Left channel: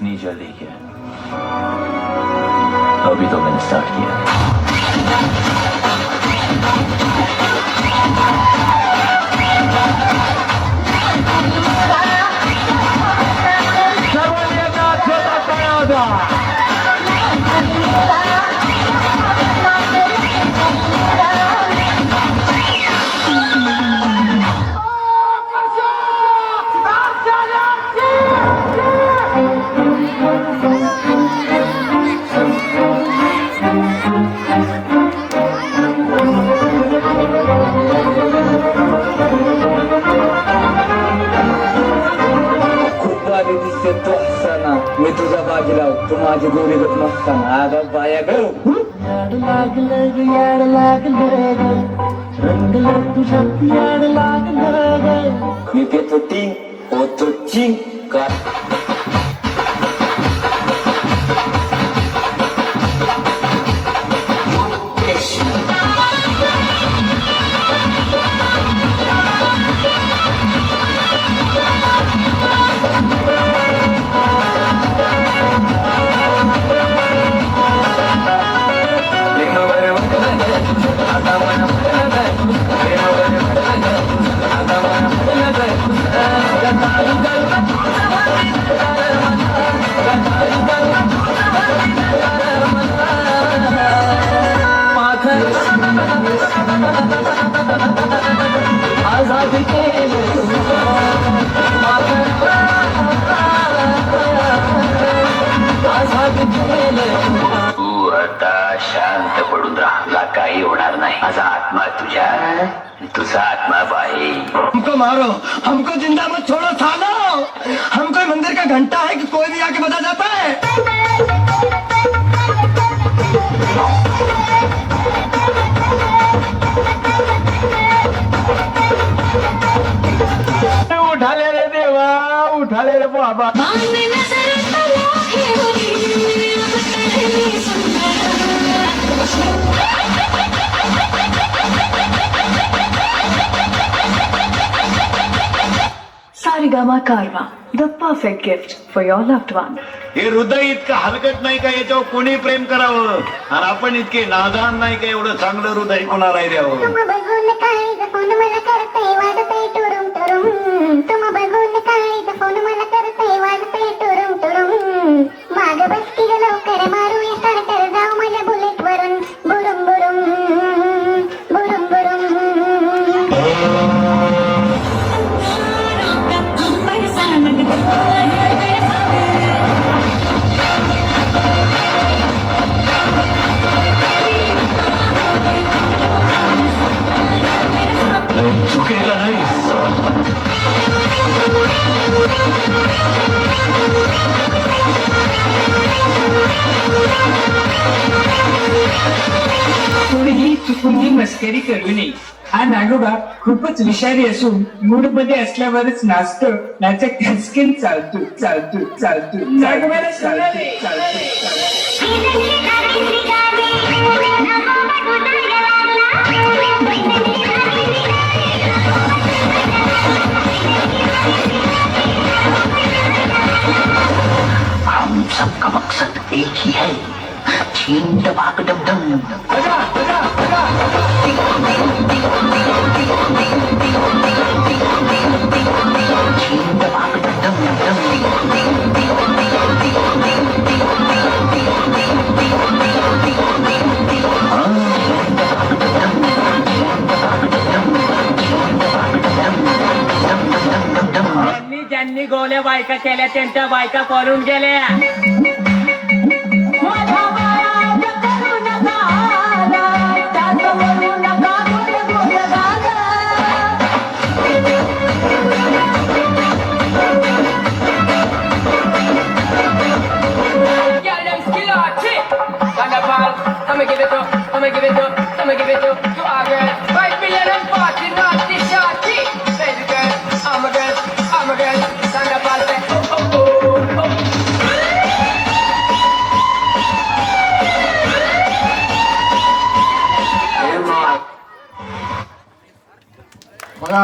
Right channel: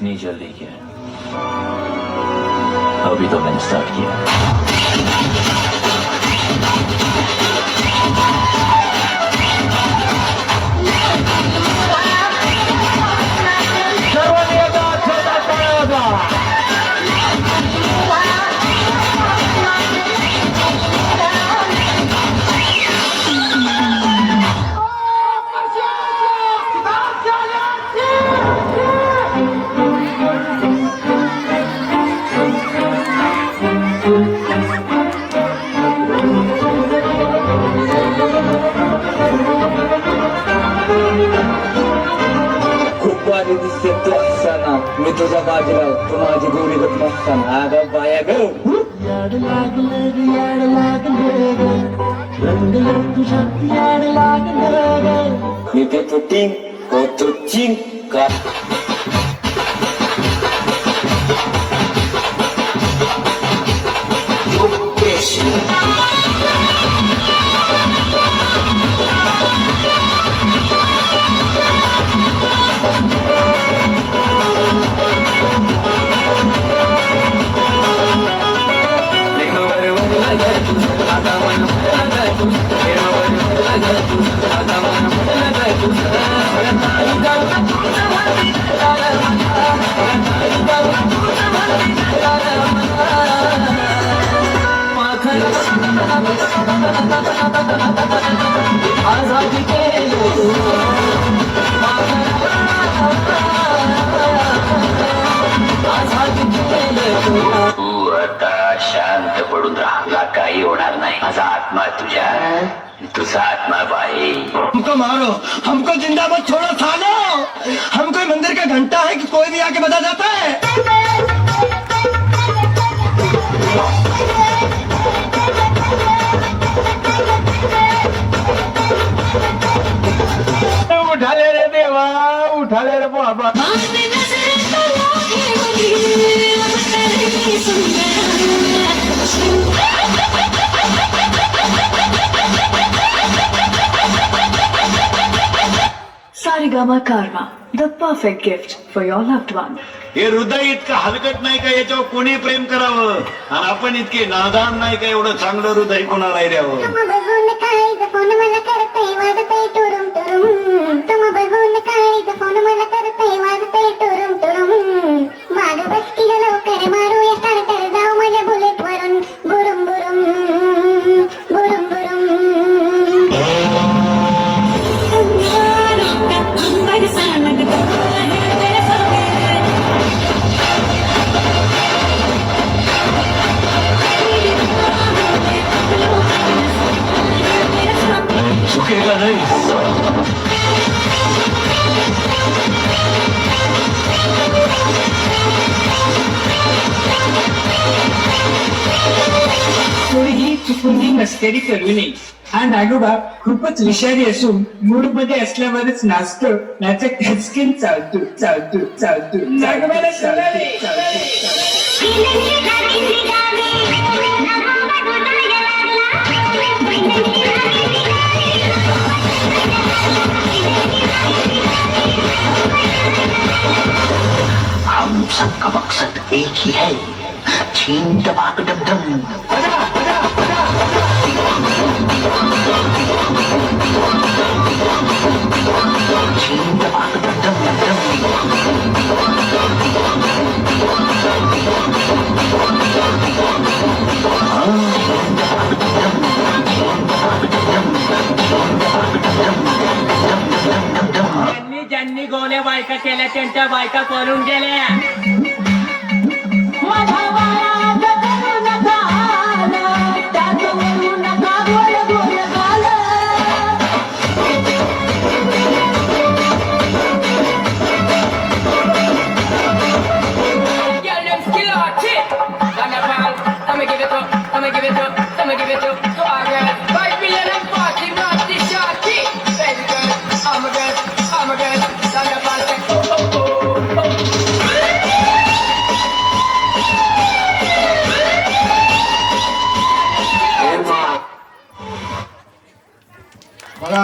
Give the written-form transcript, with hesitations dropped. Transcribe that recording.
इतनी जल्दी क्या? अभी तो मैंने स्टार्ट किया। दिसते तू असताना मी तुझा बाजीराव तू माझी गोरी गत नसताना आगा बाया ग याड लागलं ग रंगलं तुझ्या याड लागलं ग मी ते चिंग होतो चिंग का तू आता शांत पडून राहा काही होणार नाही माझा आत्मा तुझ्या तुझा आत्मा बाहेर हमको मारो हमको जिंदा मत छोड़ो थानो हमको मंदिर का घंटा है कि कोई भी आके बजा जाता है उठाले रे देवा उठाले रे बाबा Sarigama Karma, the perfect gift for your loved one. हे हृदय इतकं हलकत नाही का याच्यावर कोणी प्रेम करावं आणि आपण इतके नादान नाही का एवढं चांगलं हृदय कोणाला द्यावं तुम बघून काय फोन मला करतय वाजतय टुरुम टुरुम तुम बघून काय फोन मला करतय वाजतय टुरुम टुरुम माग बसती ग लवकर मारूया स्टार्टर जाऊ माझ्या बुलेट वरून बुरुम बुरुम बुरुम बुरुम झुकेगा नहीं कोणीही चुकूनही मस्करी करू नये हा नागोबा खूपच विषारी असून मूड मध्ये असल्यावरच नाचतो नाचा खचकीन चालतो चालतो चालतो नागोबाला हम सबका मकसद एक ही है छीन दबाक डम डम छीन दबाक डम डम ज्यांनी ज्यांनी गोल्या बायका केल्या त्यांच्या बायका पळून गेल्या मला